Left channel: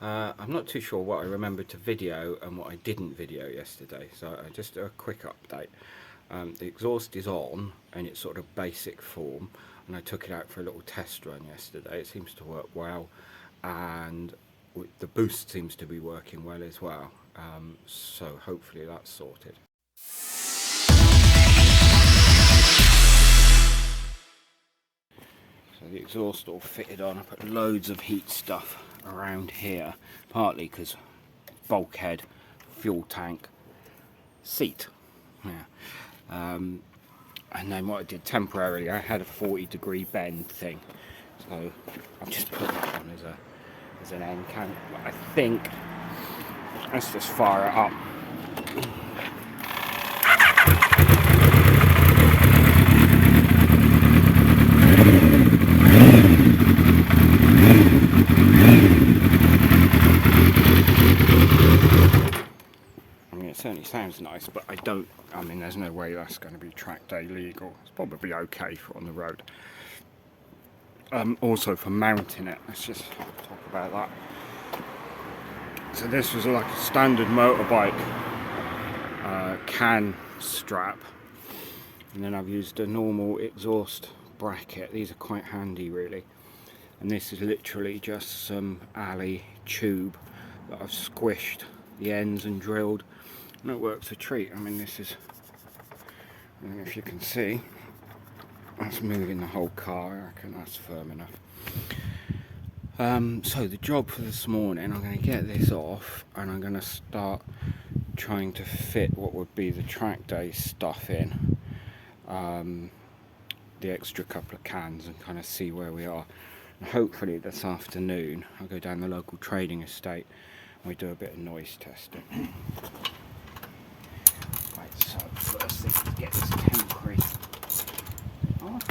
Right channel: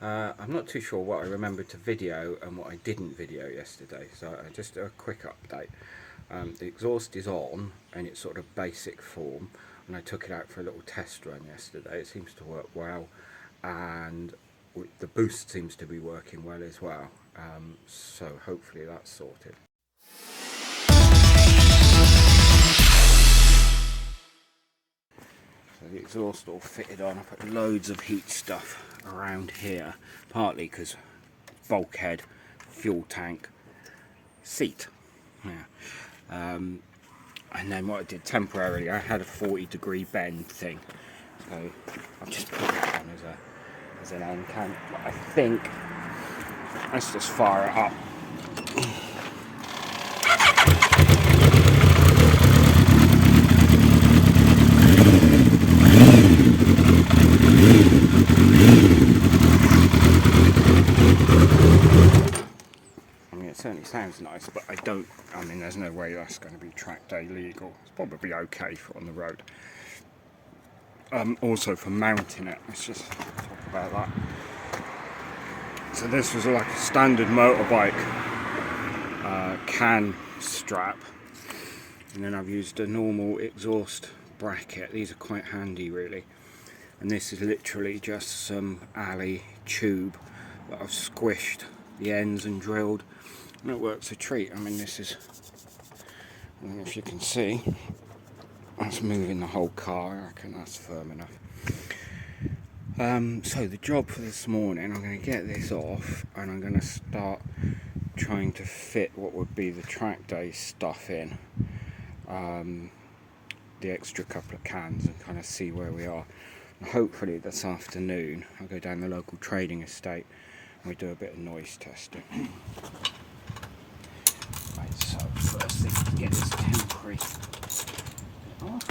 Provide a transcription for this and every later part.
I'm not too sure what I remembered to video and what I didn't video yesterday, so just a quick update. The exhaust is on in its sort of basic form, and I took it out for a little test run yesterday. It seems to work well, and the boost seems to be working well as well, so hopefully that's sorted. So the exhaust all fitted on. I put loads of heat stuff around here, partly because bulkhead, fuel tank, seat. Yeah. And then what I did temporarily, I had a 40-degree bend thing, so I've just put that on as an end can. But I think let's just fire it up. It certainly sounds nice, but I mean there's no way that's going to be track day legal. It's probably okay for on the road. Also for mounting it, let's just talk about that. So this was like a standard motorbike can strap, and then I've used a normal exhaust bracket. These are quite handy really, and this is literally just some alley tube that I've squished the ends and drilled. And it works a treat. I mean, this is, I don't know if you can see, that's moving the whole car. I reckon that's firm enough. So the job for this morning, I'm going to get this off and I'm going to start trying to fit what would be the track day stuff in, the extra couple of cans, and kind of see where we are. And hopefully this afternoon I'll go down the local trading estate and we do a bit of noise testing. Right, so first thing is to get this temporary off.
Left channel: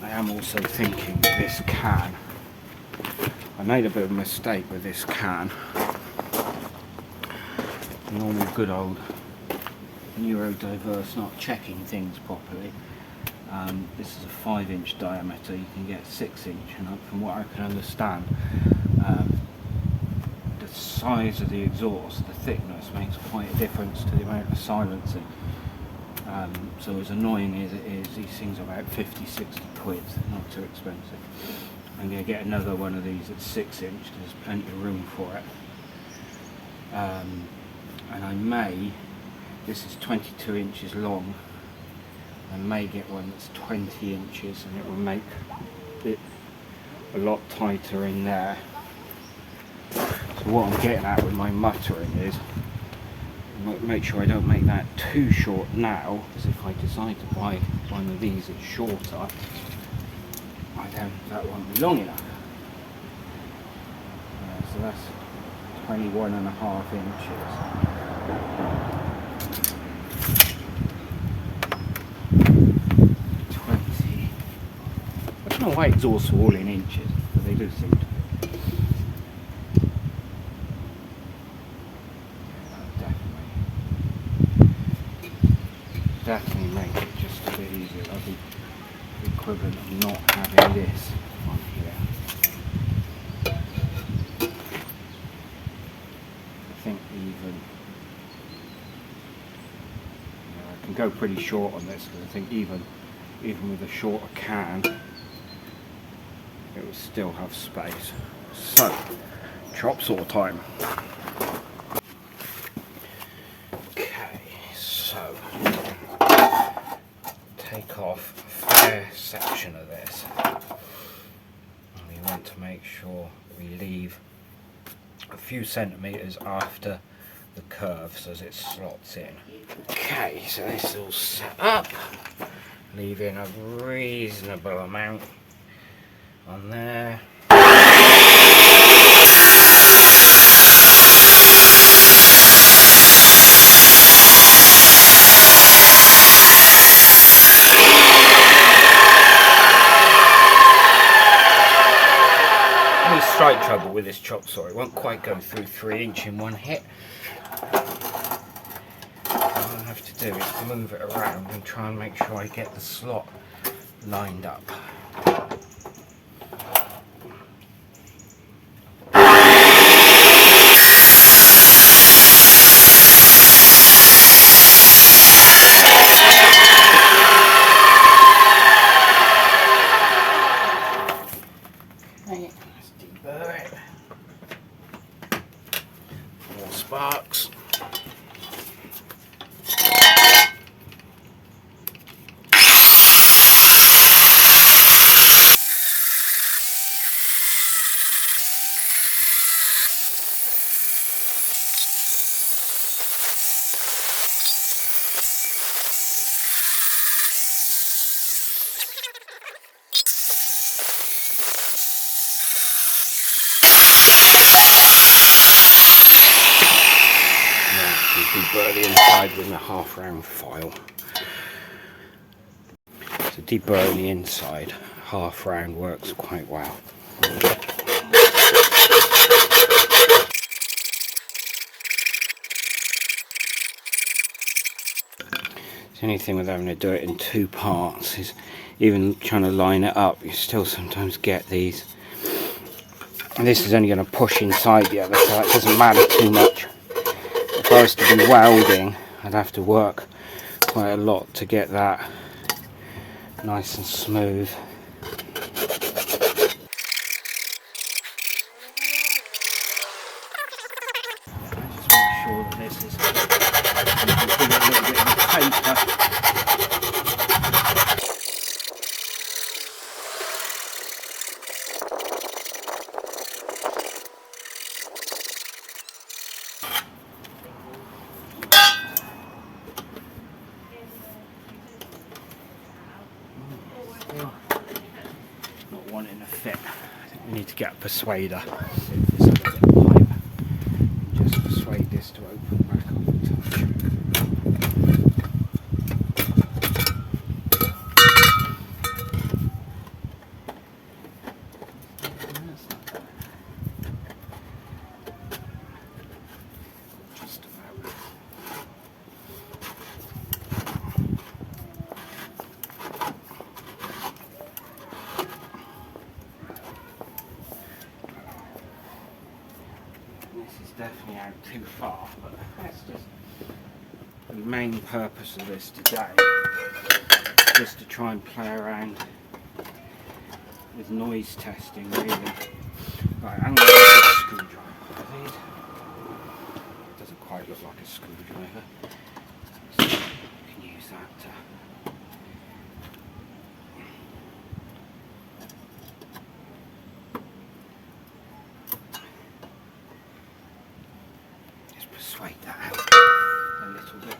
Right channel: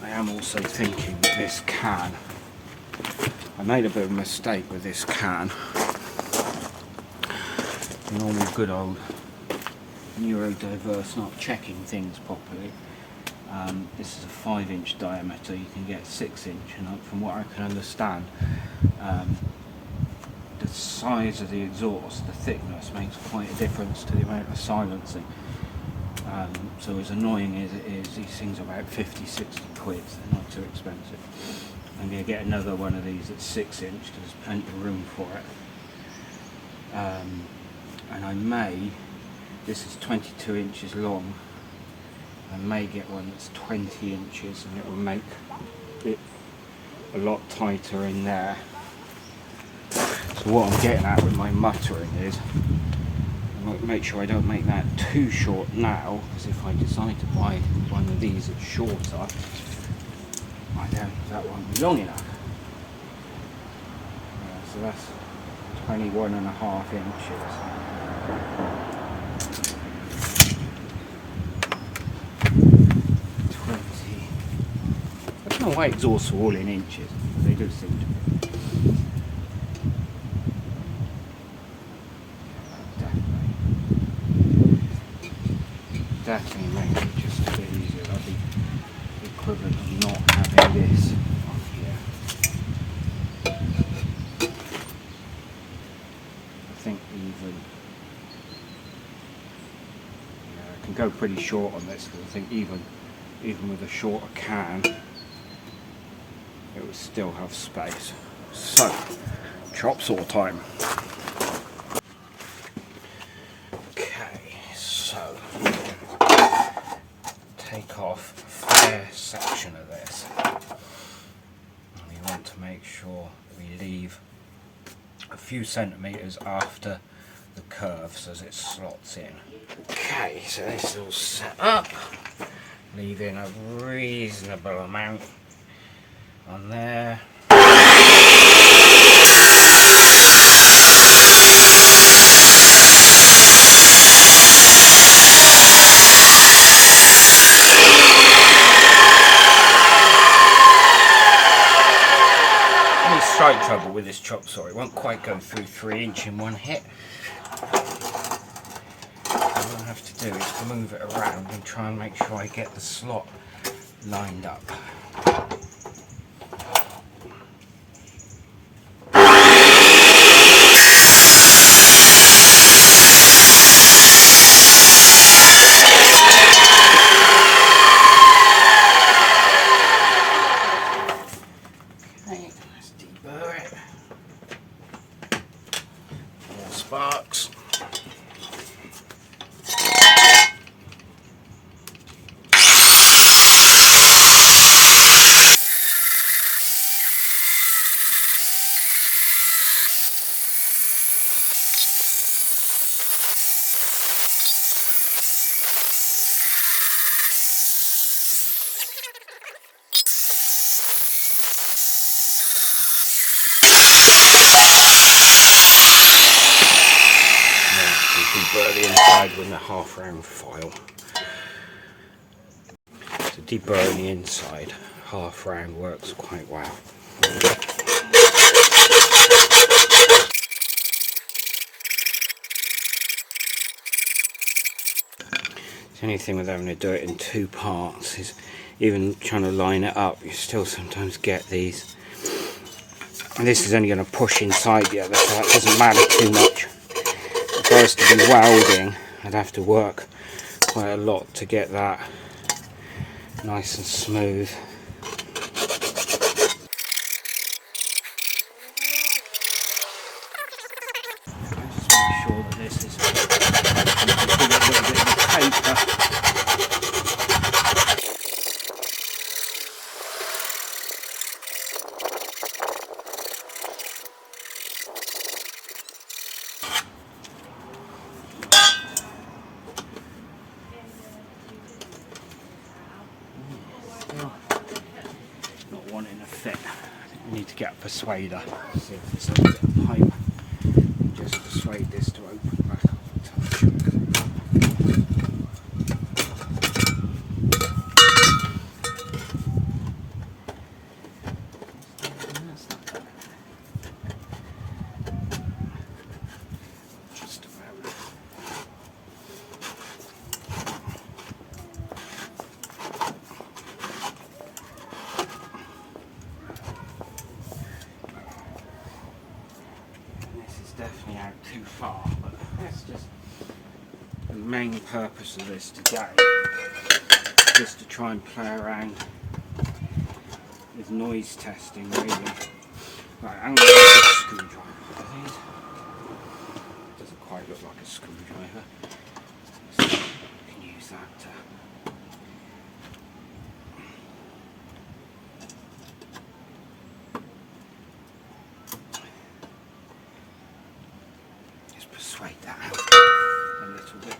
I am also thinking with this can, I made a bit of a mistake with this can. Normal good old neurodiverse, not checking things properly. This is a 5-inch diameter. You can get 6-inch, and from what I can understand, the size of the exhaust, the thickness, makes quite a difference to the amount of silencing. So as annoying as it is, these things are about 50-60 quid, they're not too expensive. I'm going to get another one of these that's 6-inch, there's plenty of room for it. And I may, this is 22 inches long, I may get one that's 20 inches, and it will make it a lot tighter in there. So what I'm getting at with my muttering is, make sure I don't make that too short now, because if I decide to buy one of these that's shorter, that won't be long enough. Yeah, so that's 21.5 inches. 20. I don't know why exhausts are all in inches, but they do seem to be. Definitely make it just a bit easier. That'll be the equivalent of not having this on here. I think even, I can go pretty short on this, because I think even with a shorter can, it will still have space. So, chop saw time. Take off a fair section of this, and we want to make sure that we leave a few centimetres after the curves as it slots in. Okay, so this is all set up, leaving a reasonable amount on there. slight trouble with this chop saw. It won't quite go through 3" in one hit. What I'll have to do is move it around and try and make sure I get the slot lined up. Sparks. Deburr the inside with a half round file. So deburring the inside half round works quite well. The only thing with having to do it in 2 parts is even trying to line it up, you still sometimes get these. And this is only going to push inside the other, so it doesn't matter too much. If I was to be welding, I'd have to work quite a lot to get that nice and smooth. Just make sure that this is give it a little bit of paper. Not wanting to fit. I think we need to get a persuader. Just persuade this to open back up a touch. That's not bad. Just about. Definitely out too far, but that's just the main purpose of this today, just to try and play around with noise testing really. Right, I'm going to use a screwdriver, please. Doesn't quite look like a screwdriver, so you can use that to persuade that out a little bit.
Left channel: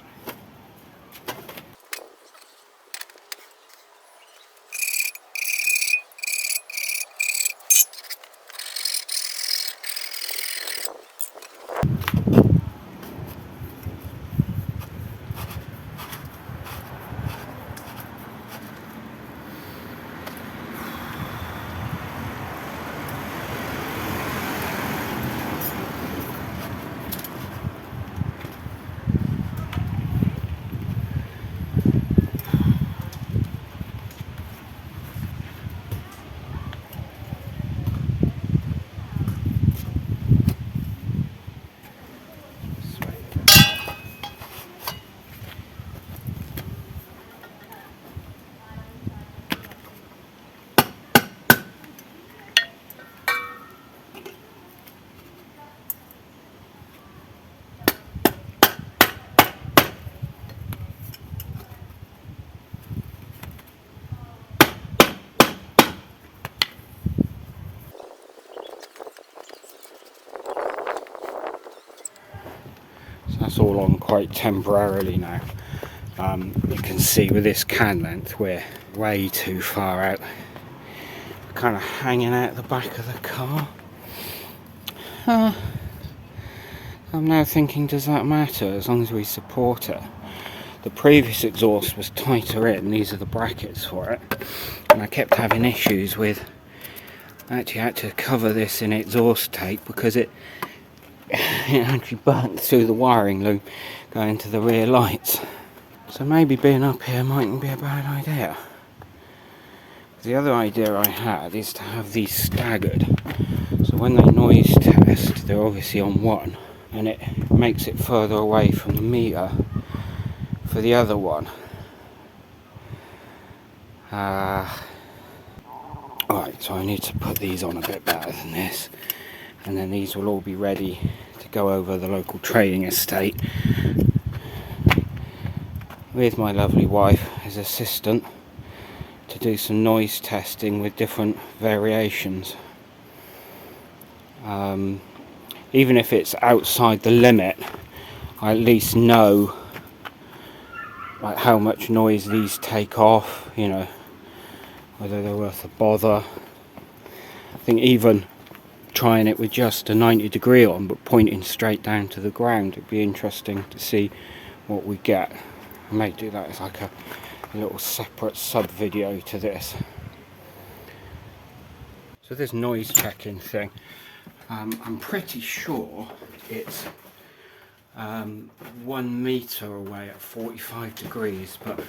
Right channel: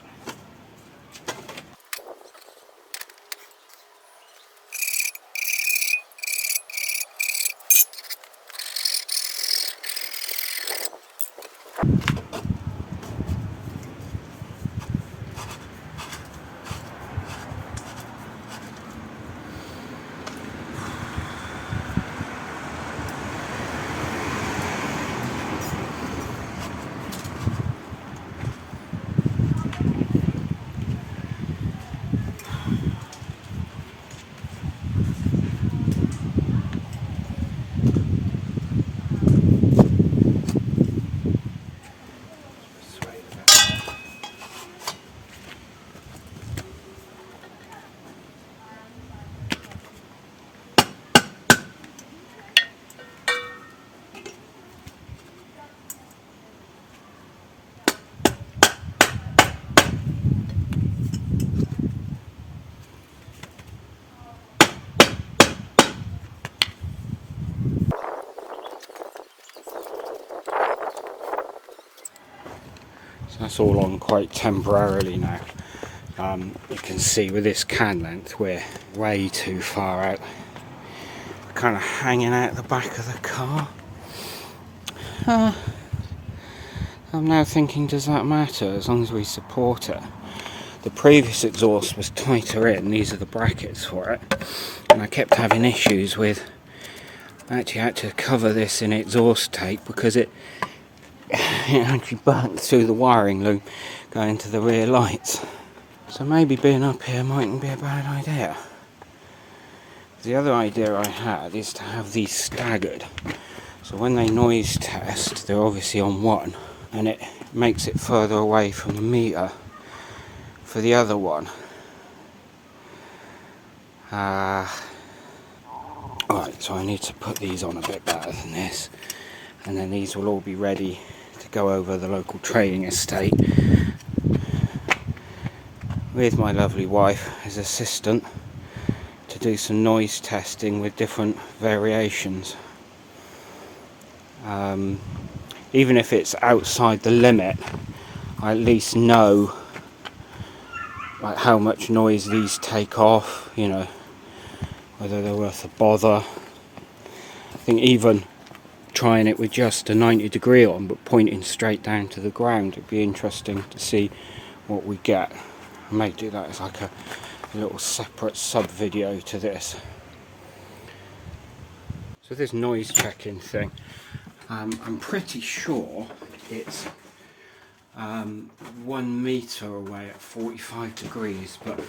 That's all on quite temporarily now. You can see with this can length we're way too far out, kind of hanging out the back of the car. I'm now thinking, does that matter as long as we support it? The previous exhaust was tighter in, these are the brackets for it, and I kept having issues with I actually had to cover this in exhaust tape because it actually burnt through the wiring loop going to the rear lights. So maybe being up here mightn't be a bad idea. The other idea I had is to have these staggered. So when they noise test, they're obviously on one, and it makes it further away from the meter for the other one. Right, so I need to put these on a bit better than this, and then these will all be ready to go over the local trading estate with my lovely wife as assistant to do some noise testing with different variations. Even if it's outside the limit, I at least know like how much noise these take off, you know, whether they're worth a bother. I think even trying it with just a 90-degree on but pointing straight down to the ground, it'd be interesting to see what we get. I may do that as like a little separate sub video to this. So this noise checking thing, I'm pretty sure it's 1 meter away at 45 degrees, but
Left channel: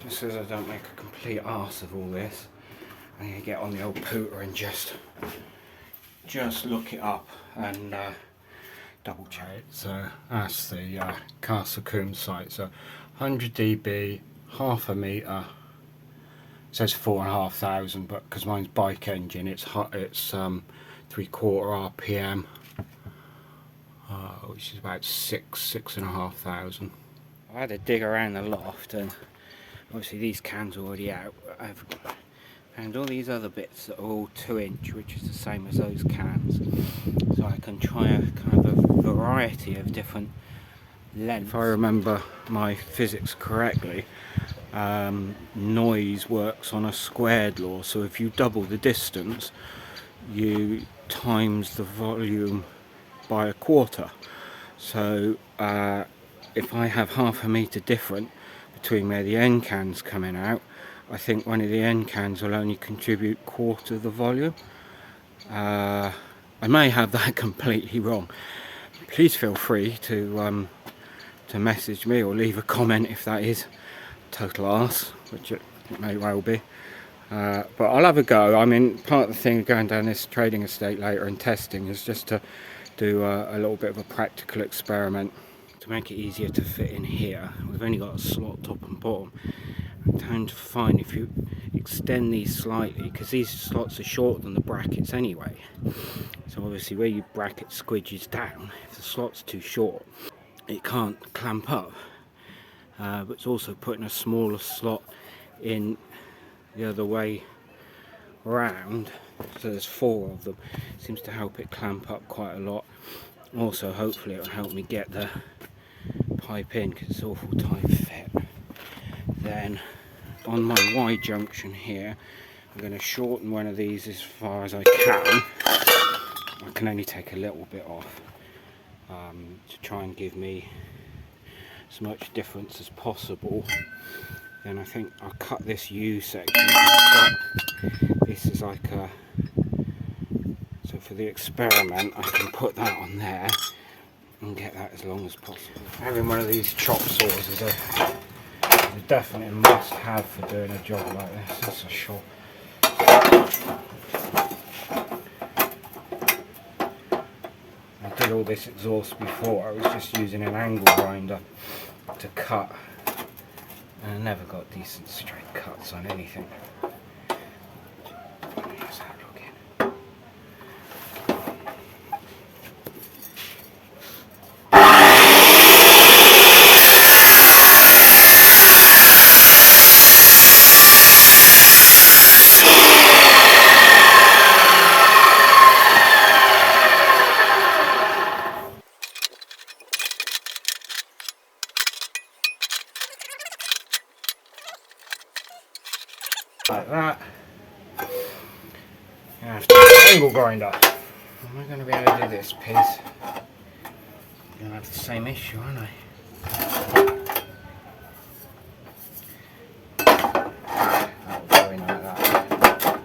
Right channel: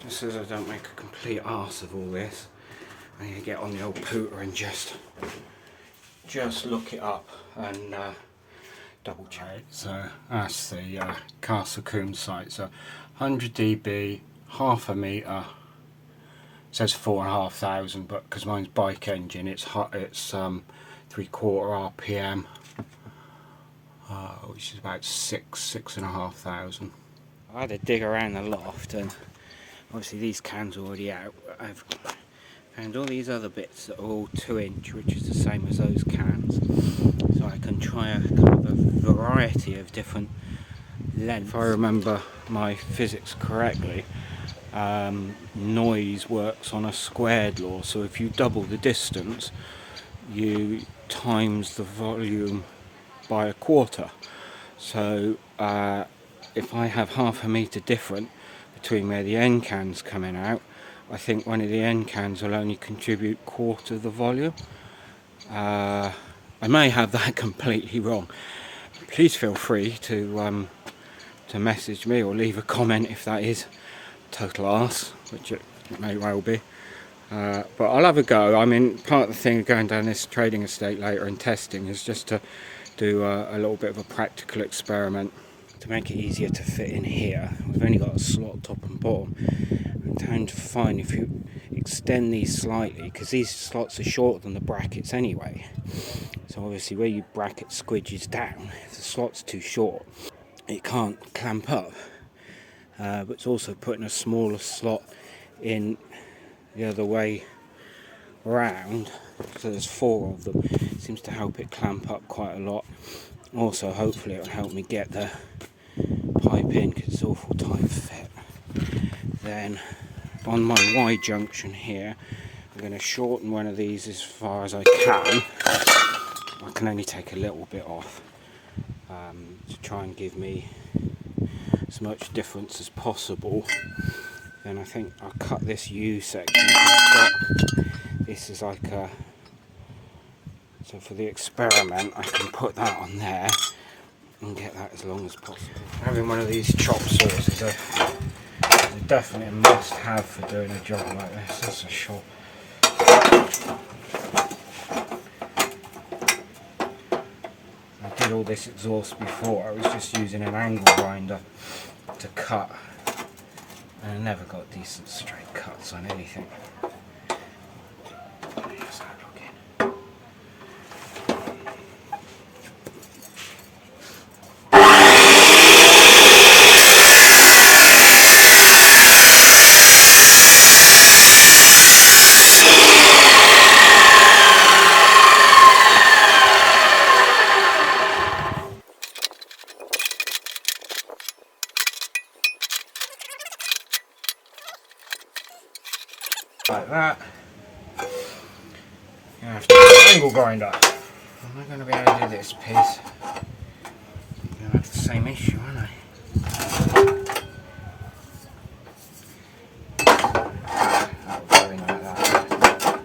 just as I don't make a complete arse of all this, I'm going to get on the old pooter and just look it up and double check. So that's the Castle Coombe site. So 100 dB, half a meter. It says 4,500, but because mine's bike engine, it's 3/4 RPM, which is about 6,500. I had to dig around the loft, and obviously these cans are already out. I've found all these other bits that are all 2-inch, which is the same as those cans, so I can try a kind of a variety of different lengths. If I remember my physics correctly, noise works on a squared law, so if you double the distance, you times the volume by a quarter. So if I have half a meter different between where the end can's coming out, I think one of the end cans will only contribute quarter the volume. I may have that completely wrong. Please feel free to message me or leave a comment if that is total arse, which it may well be. But I'll have a go. I mean, part of the thing of going down this trading estate later and testing is just to do a little bit of a practical experiment to make it easier to fit in here. We've only got a slot top and bottom. I'm trying to find if you extend these slightly, because these slots are shorter than the brackets anyway. So obviously where your bracket squidges down, if the slot's too short, it can't clamp up. But it's also putting a smaller slot in the other way round, so there's 4 of them. It seems to help it clamp up quite a lot. Also, hopefully it'll help me get the pipe in, because it's awful tight fit. Then on my Y junction here, I'm going to shorten one of these as far as I can. I can only take a little bit off to try and give me as much difference as possible. Then I think I'll cut this U section. This is like a, so for the experiment I can put that on there and get that as long as possible. Having one of these chop saws is a definitely a must have for doing a job like this, that's for sure. I did all this exhaust before, I was just using an angle grinder to cut, and I never got decent straight cuts on anything. Here's that looking. Like that. I have to use an angle grinder. Am I going to be able to do this piece? I'm going to have the same issue, aren't I? That'll go in like that.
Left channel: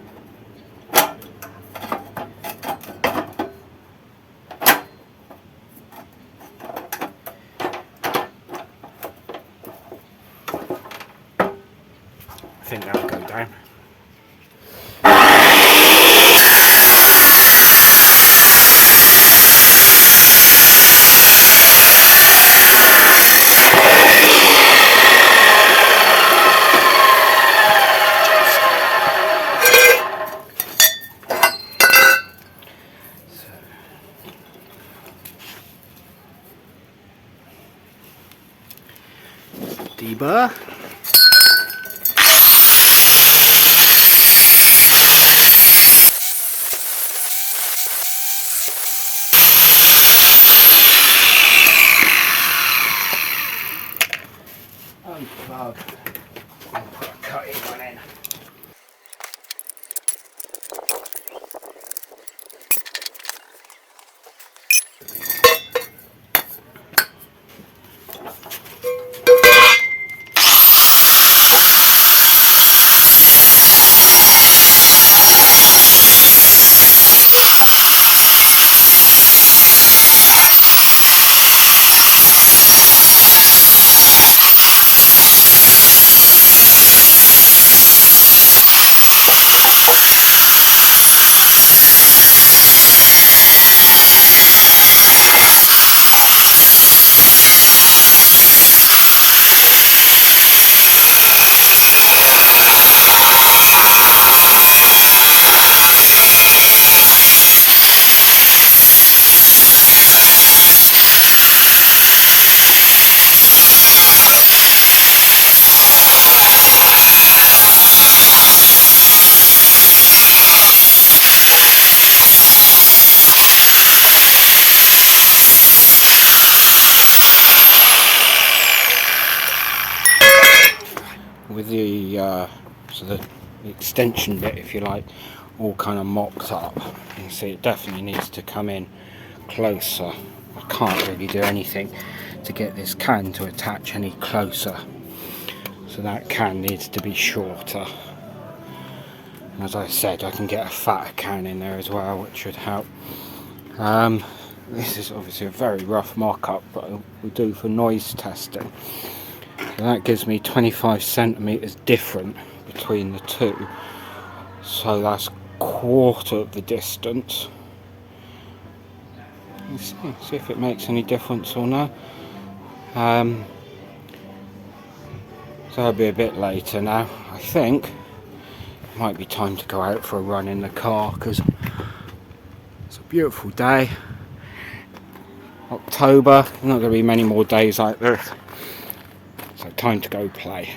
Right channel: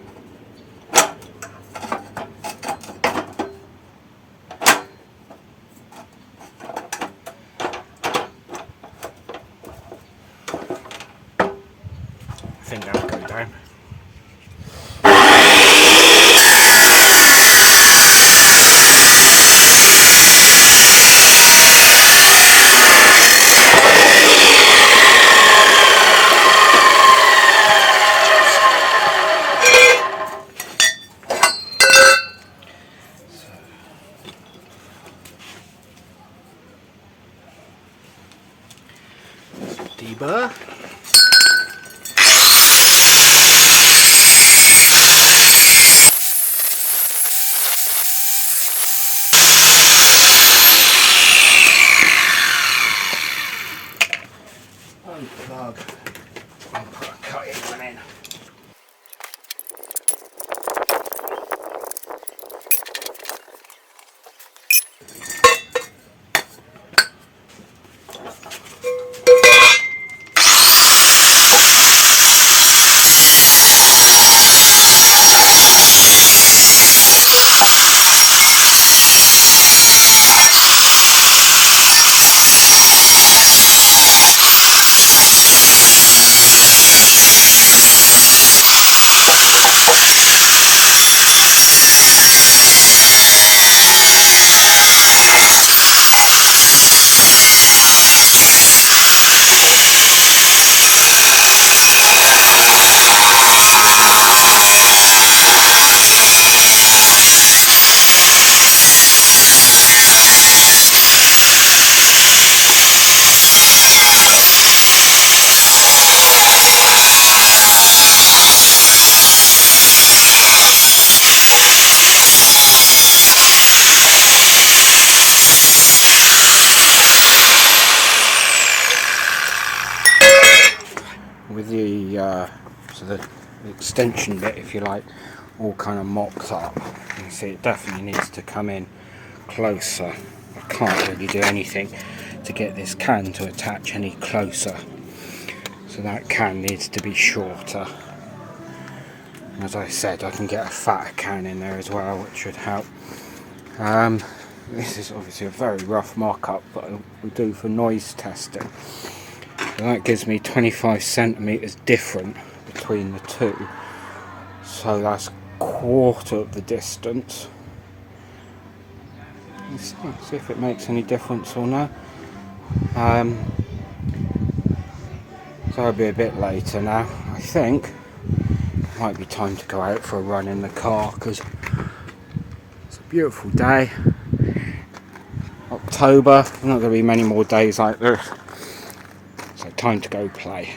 neighbour. Unplug and put a cutting one in. With the extension bit, if you like, all kind of mocked up, you can see it definitely needs to come in closer. I can't really do anything to get this can to attach any closer, so that can needs to be shorter. And as I said, I can get a fatter can in there as well, which should help. This is obviously a very rough mock-up, but it will do for noise testing. So that gives me 25 centimeters different between the two, so that's quarter of the distance. Let's see if it makes any difference or not. So it'll be a bit later now. I think it might be time to go out for a run in the car, because it's a beautiful day. October, not going to be many more days like this. So time to go play.